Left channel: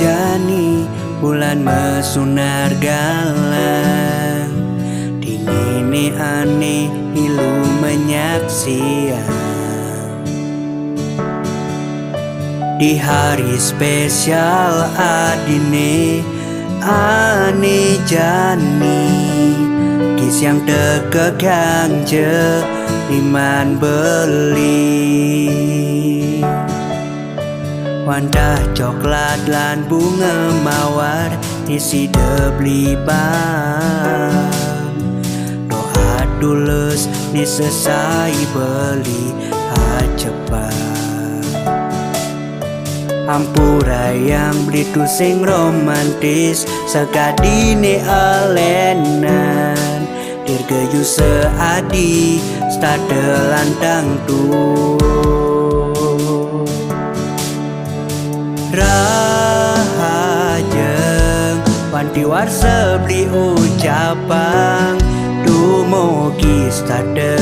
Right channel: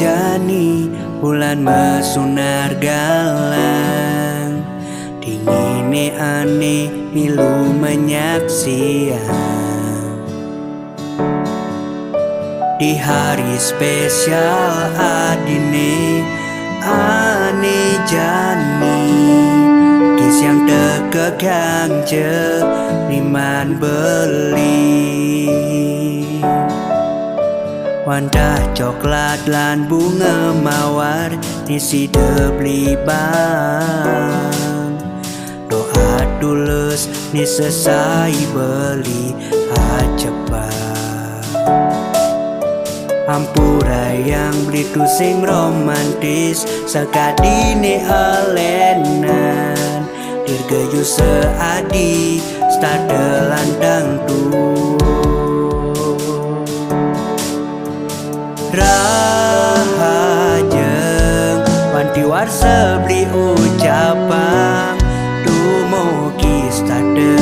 jani bulan mesunar galang, dingine aneh milu menyaksian. Di hari spesial adine ane jani, kis yang tekegang je liman beli. Wandah coklat lan bunga mawar isi debli bang, doa tulus ni selesai beli hacepat. Ampura yang beli tu sing romantis sekadine alenan, dirgayu seadi stade lantang tu. Rahajeng wanti warsa beli ucapang, dumugi stade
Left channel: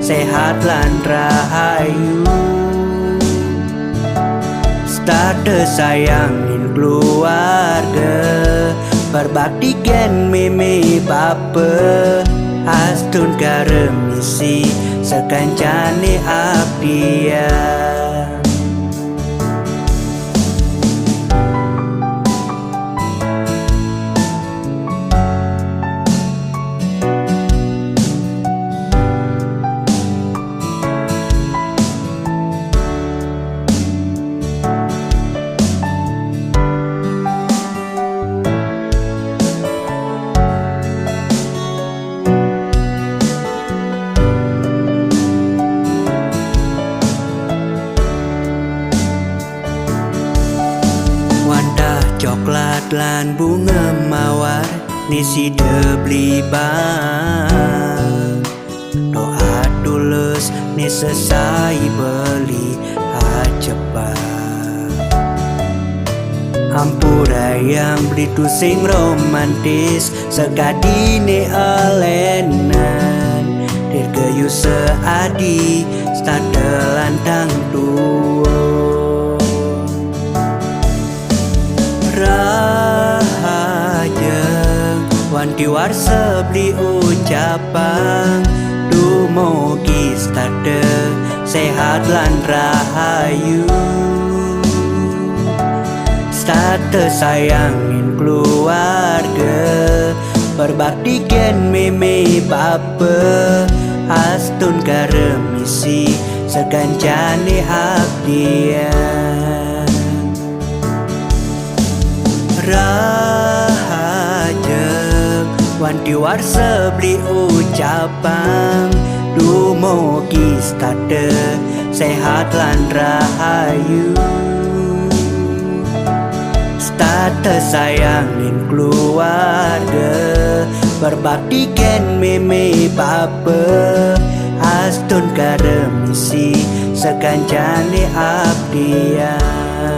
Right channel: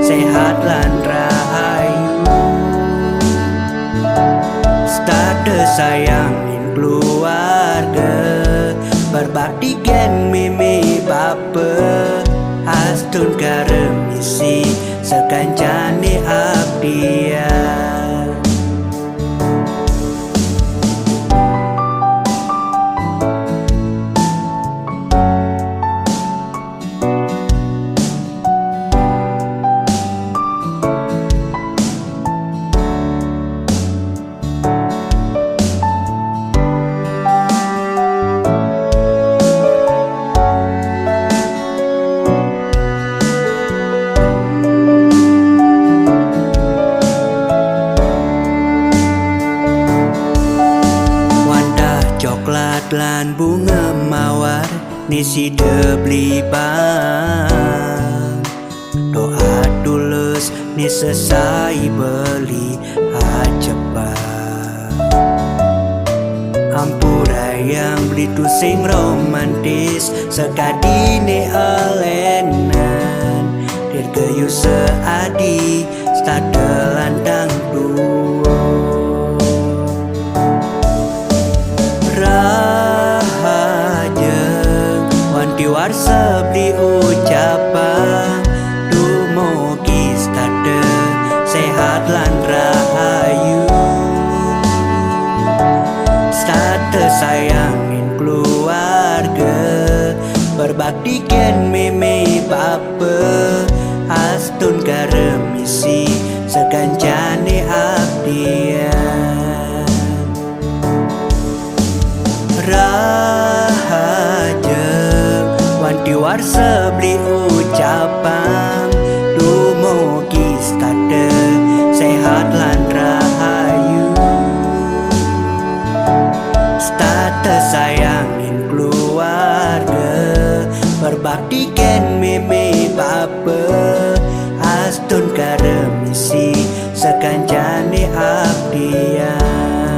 sehat lan rahayu. Stade sayangin keluarga, berbakti gen meme bape, astun karemisi sekancane abdian. Coklat lan bunga mawar nisi debli bang, doa tulus ni selesai beli hacepat. Ampura yang beli tu sing romantis sekadine alenan, dirgayu seadi stade lantang duo. Rahajeng wanti warsa beli ucapang, dumugi stade sehat lan rahayu. Stade sayangin keluarga, berbakti gen meme bape, astun karemisi sekancane abdian. Rahajeng wanti warsa beli ucapang, dumugi stade sehat lan rahayu. Stade sayangin keluarga, berbakti gen meme bape, astun karemisi sekancane abdian.